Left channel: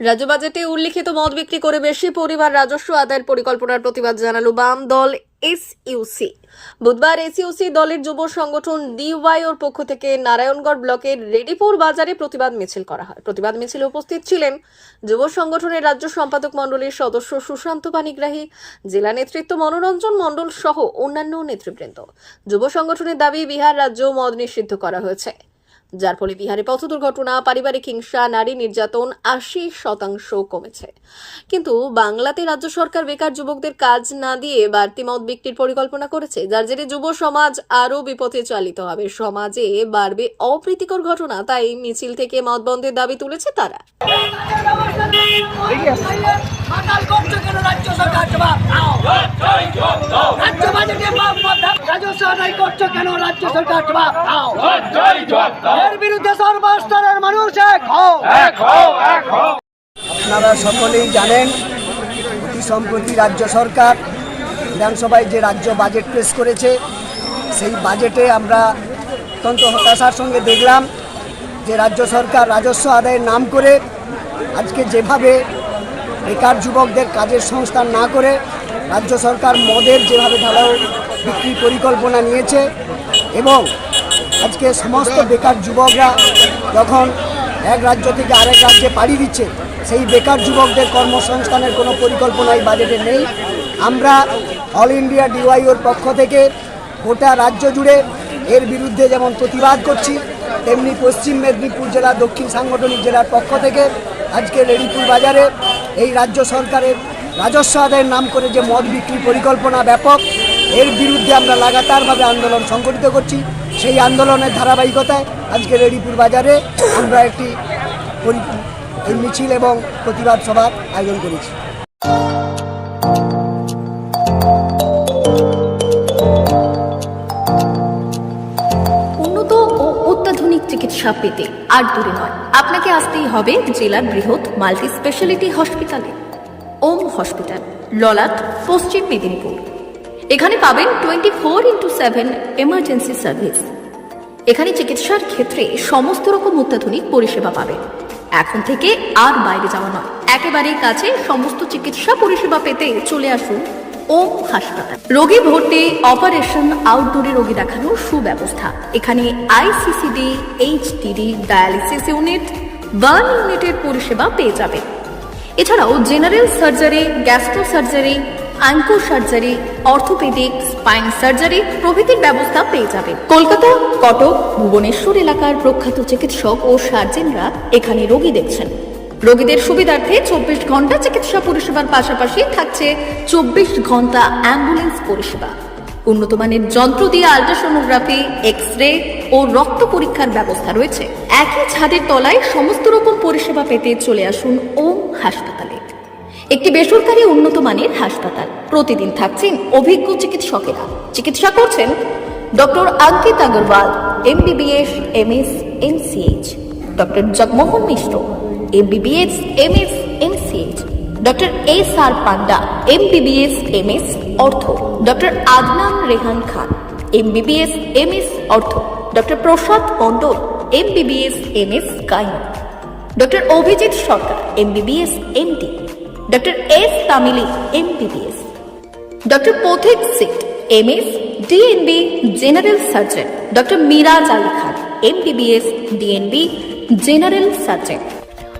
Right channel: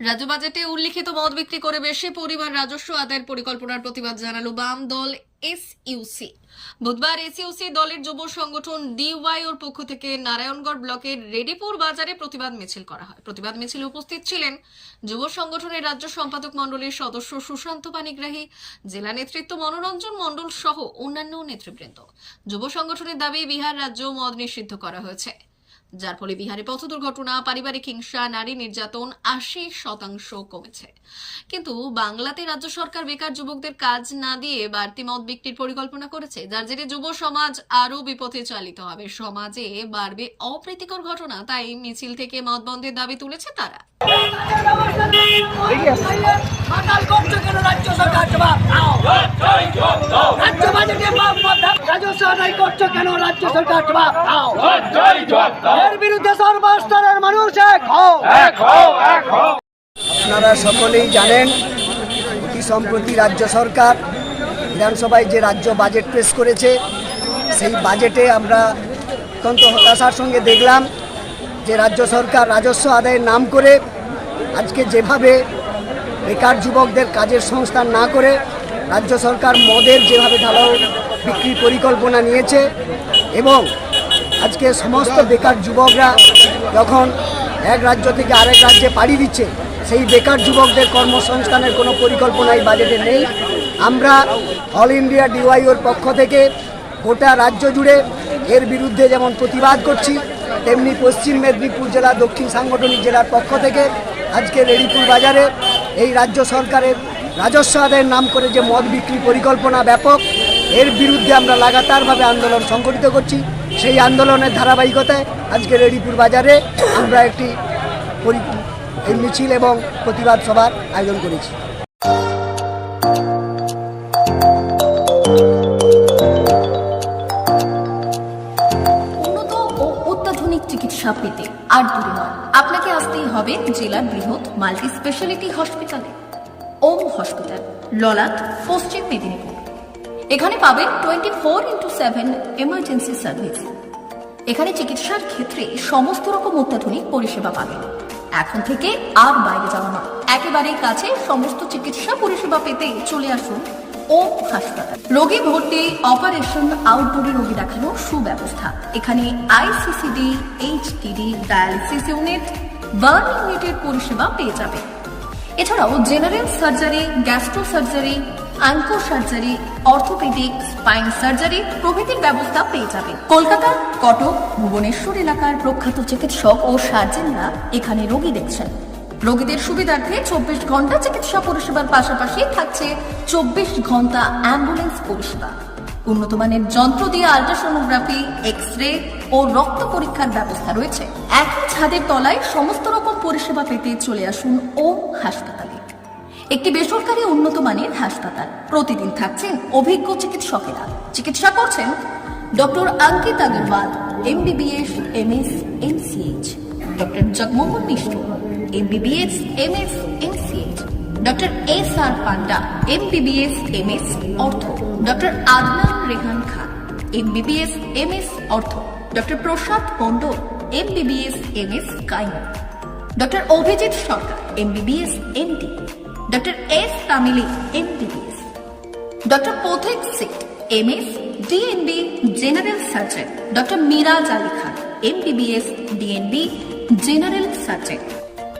রাজ্য বাজেটে উল্লিখিত মদ বিক্রি করে বেশি পরিমাণ রাজস্ব আদায়ের পরিকল্পনার প্রতিবাদ জানালো বাম দল এসইউসি বুধবার এসইউসি দলের যুব সংগঠন ডিওয়াইওর পক্ষ থেকে নারায়ণগড় ব্লকের রেডিপুর বাজারে প্রতিবাদ মিছিল করা হয়। প্রতিবাদ মিছিলে উপস্থিত ছিলেন যুব সংগঠনের রাজ্য সম্পাদক মণ্ডলীর সদস্য সুশান্ত পানিগ্রাহী, জেলা নেতৃত্ব মনোরঞ্জন মণ্ডল সহ অন্যান্য নেতৃবৃন্দ। যুব সংগঠনের দাবি, বিহার রাজ্য মদ নিষিদ্ধ করা হয়েছে। যার ফলে বিহারে পথ দুর্ঘটনা পারিবারিক হিংসা নারী নির্যাতন আশি শতাংশ কমেছে কিন্তু বাংলাতে রাজ্য সরকার বেকার যুবকদের কাজ না দিয়ে বাড়তি মত বিক্রির পরিকল্পনা করেছে যার জেরে যুব সমাজ আরও বিপথে চালিত হবে সমাজে বাড়বে অপ্রীতিকর ঘটনা তাই মিছিল থেকে মদ বন্ধের দাবি তুলেছে তারা রাজ্য বাজেটে রাজস্ব আদায় করছ কেন? রাজ্য সরকার জবাব দাও। এর বিরুদ্ধে সর্বস্তরের মানুষ এক হও। আপনারা সকলেই জানেন অতি সম্প্রতি রাজ্য সরকার বিধানসভায় যে রাজ্য বাজেট পেশ করেছে সেই বাজেটে আমরা অত্যন্ত হতাশার সঙ্গে দেখলাম যে রাজ্য সরকার রাজস্ব আদায়ের নাম করে আজকে যেভাবে বেকার যুবকদের কাজের সংস্থান না করে রাজ্য সরকার মদের যেভাবে ঢালাও বিক্রির পরিকল্পনা নিয়েছে এবং আজকে সমস্ত বেকার যুবকরা যখন এক রাজ্য থেকে আরেক রাজ্যে পাড়ি দিচ্ছে, সেই বেকার যুবকদের কর্মসংস্থানের কোনো পরিকল্পনা এই বাজেটে নেই। আমরা অল ইন্ডিয়া ডিওয়াইওর পক্ষ থেকে গোটা রাজ্য জুড়ে এর বিরুদ্ধে যেমন প্রতিবাদ করছি, তেমনি পশ্চিম মেদিনীপুর জেলা দক্ষিণ সাংগঠনিক জেলার পক্ষ থেকে আজকে রেডিপুর বাজারে এই রাজ্য সরকারের রাজস্ব আদায়ের নাম করে যে মদ বিক্রি পরিকল্পনা ব্যাপক, এর বিরুদ্ধে আমরা লাগাতারভাবে আন্দোলন সংগঠিত করছি। সেই আন্দোলনের ধারাবাহিকতায় আজকে রেডিপুর বাজারে আমরা একটি এই মিছিল এবং প্রতিবাদ সভার আয়োজন করেছি। উন্নত ও অত্যাধুনিক চিকিৎসা পেতে আর দূরে নয়। আপনাকে আসতেই হবে জেলার বৃহৎ মাল্টি স্পেশালিটি হসপিটালে। ওম হসপিটাল ললাট পশ্চিম মেদিনীপুর। এখানে পাবেন twenty four into seven emergency service এখানে চিকিৎসার ক্ষেত্রে সমস্ত রকম অত্যাধুনিক পরিষেবা পাবেন। এখন থেকে আর বাইরে যাওয়া না একেবারেই কাছে সমস্ত চিকিৎসা পরিষেবা পেতে চলে আসুন ওম হাসপাতাল। রোগী ভর্তি অপারেশন আউটডোরে রোগী দেখানোর সুব্যবস্থা। এখানে ICCD HDD dialysis unit burn ইউনিটের পরিষেবা পেয়ে যাবেন। এছাড়াও general surgery, gastro surgery onco surgery, orthopaedic, spine surgery প্রভৃতির ব্যবস্থা পেয়ে যাবে। কলকাতা, কটক, ভুবনেশ্বর এলাকার প্রখ্যাত চিকিৎসক ও সার্জেনরা এখানে রোগী দেখছেন। রোগীদের সুবিধার্থে চব্বিশ ঘণ্টা চিকিৎসা পরিষেবার পাশাপাশি থাকছে চব্বিশ ঘণ্টা অ্যাম্বুলেন্স পরিষেবা। উন্নত মানের যন্ত্র দিয়ে আল্ট্রাসোনোগ্রাফি এক্স রে ও রক্ত পরীক্ষার ব্যবস্থা রয়েছে। একই ছাদের তলায় সমস্ত রকম পরিষেবা পেতে চলে আসুন ওম হাসপাতালে। একটি বেসরকারি উন্নত মানের হাসপাতাল। প্রতিদিন থাকছেন অভিজ্ঞ চিকিৎসকেরা। চিকিৎসা করছেন doctor Ankit Agarwal, MBBS, MS MCh doctor Jagmohan Mishra, MBBS, MS MCh doctor S R Panda MBBS MS ortho doctor Adnan Rehan Khan MBBS MS ortho doctor Prasad Mondal MBBS MS gynae doctor Abhijit Sarkar MBBS MD doctor S Tamili MBBS doctor Pathik Sit MS DNB general surgeon doctor Miraj Ali Khan MBBS DNB general surgeon